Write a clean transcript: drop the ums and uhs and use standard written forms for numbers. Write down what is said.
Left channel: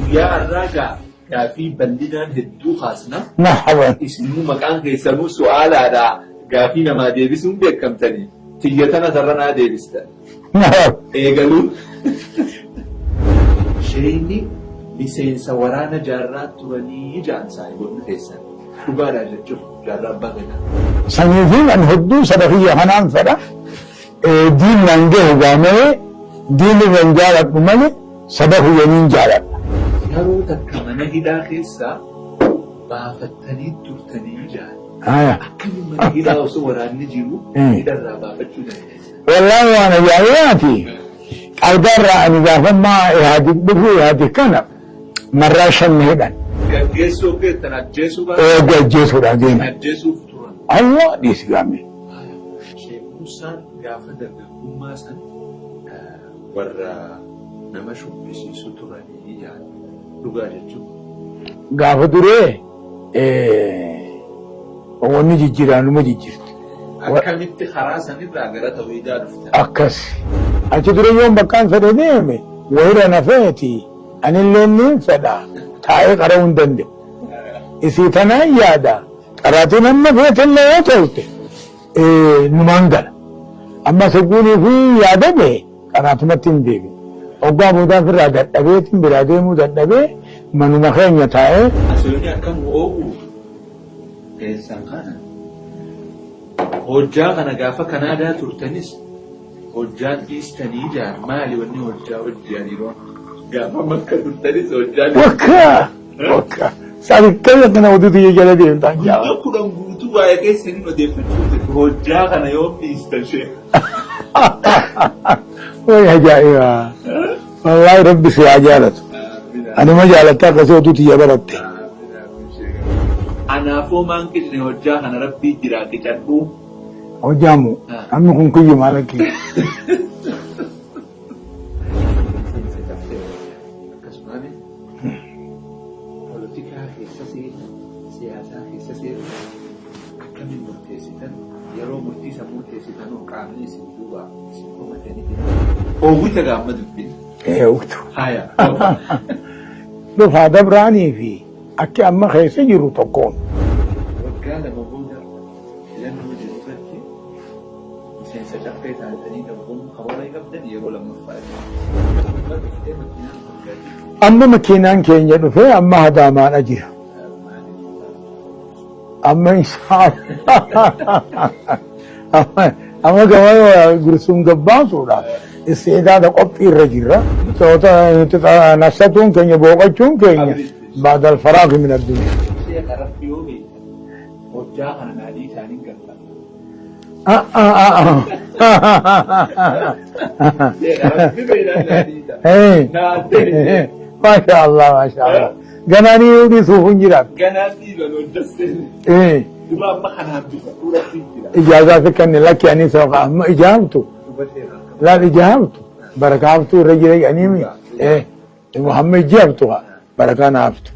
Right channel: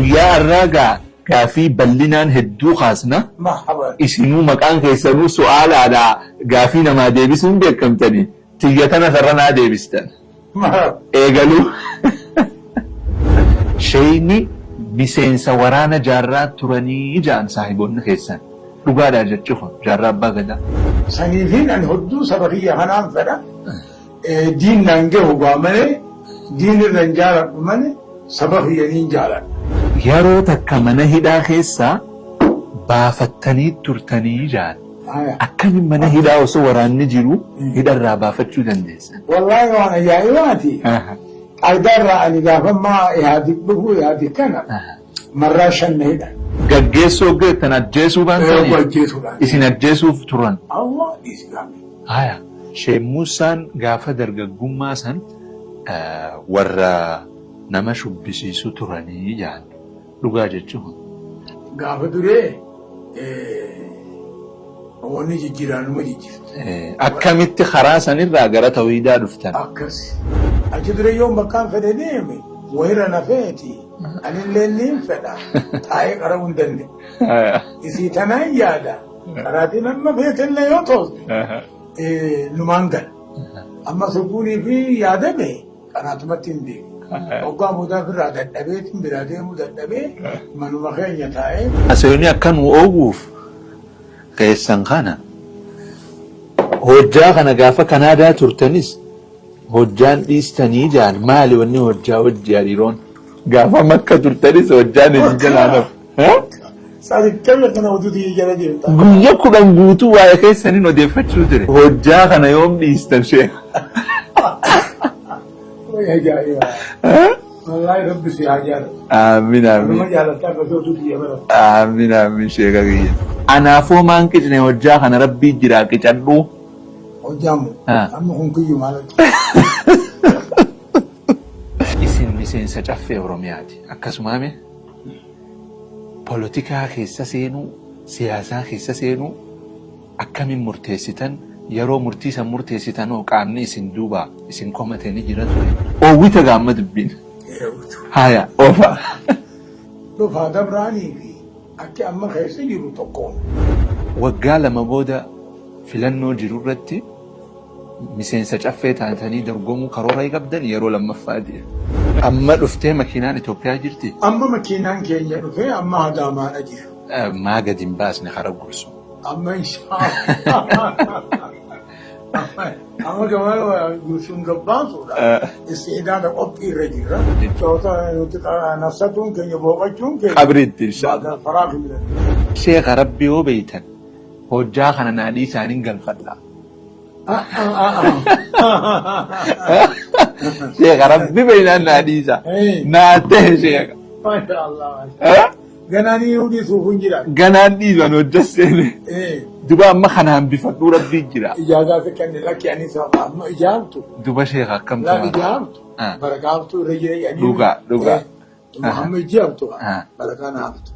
ويا الراجع كافي بلنان هدو خاصنا مرحبا اسمو مكان كيسرو سؤال على قافينا ما ديبسون بكم تاني تيجتنا ثرنا ديبستان مرحبا ايقالوا شيني بسين سورانا جارات تراني جان صاحبون خيسان لقادا جتشوفا جارات باغدا سنيفين أن هدو سلفية هنان فدا دين نانجه وغامني دين الرنجالة بمني سبه يمين جالة yeroo takka mana hidhaa keessaa baafattanii turtanii jaan akkamiin mana hidhaa osoo waraanni jiru hidharraa baafachuu dandeessan. Wallahi waan yaa'eeti qalbarraa ani gaafa maa ihaadik dhufu ihaadik kana marraa shan hidhan. Gaggeessoo geettan ajjeesuu baatanii gaggeessuudhaan isin ajjeesuuf turan. Allah dhiisi gaame. Haya sheemmuusaan gaafa dargaggummaa san warra nama shubbisiisu turanii jaan. Dhugaa jechuun. Gaafa duree wanni jijjiiraanuma jijjiirti. Akkamitti karaa sanirraa gara tawhiidaa dhuftan? Akkas. Achi dure yoon bakkaan fedhe deeme wayira na feeti anillee niin fedha taa'ee qara'uu hin danda'u. Isii tanaan yaada qaraatiin amma feetillee yoo ta'ute numaan gala. Amma saguunii fi yaadame qaraatumatti hin deebi'u. Oggaa boodaa firraa dadhabeetiin biraa deemuu dadhabee manuma keenya taa'ee. Aseerni akkan ooguuf keessan kana hojjaa kana gaafa Kanaadaa turtanis hojjaan dhiistanii jaan maali wanni hojjaa hojjaa dhiiroon gaafa Makka turtanis hojjaan Makka sanikkaza kana waduutu jala deemta. Guyya 10 guutuu waa'ee keessaniin odeeffachuu ture. Hojjaa kana yoom dhiistan shee? Way ajaa'iba. Wallahi rabbi si ajaalatu. Amiin amiin. Anuma jaalataa akkasii oduutu yabaratu. Amiin amiin sheeka kiyya. Anaafoo maan qicne hojjaa kana rabbii jiraa qicadhu. Hojjaamu amma kun kiyyu maal akki. Isin miseensa caffee Oromiyaati. Akkasumaame poolitikaa keessa seenuu siyaasaa keessa seenuu akkamiin murteessitan yeroo murtii san murteessitan hoo qaamni isin duuba isin komatanii jiran oowwita gaamma dubbiin. Eewwatu. Haya. Dhufaa dabraanii fi akki amma keessa jiru tokkoon. Waggaa 2 booda filannoo jiru irratti miseensa caffee taatanii dorgomuu karoora qabdan yeroo lammaffaa jira. Amma dhuftee makiinaan Itoophiyaa jirti. Amma makiinaan keenya dhufee amma hadaamaadha jira. Maa gadi hin baasne hara gursu. Amma amma gama gursuun gabbaasuudha. Isteetaadha qophii irra jirra. Nassatuun keenya booqachuun keenya. Abriitti. Baadal faraafi min addunyaa. Sheeka rabbi yoo beeytan hojjaa kana naadhii isaaniin galfadha. Sheeka rabbi beeynaan naadhii isaa. Naatee sheeka. Masha Allah masha Allah. Ganaanii yoo dhiisuuf hin jiraatu. Ganaan dhiiban hojjaseene. Duba amma kanaan bifadhuu rabbii jira. Ijaazaa fi kanneen lakki ani sabaqa amma ijaabtu. Duba sheeka akkam. Laaf ijaabtu. Barakaa haftuu irra jira jedhanii. Dhugaa dhugaa. Amma ijaabtu barakaa naaftu.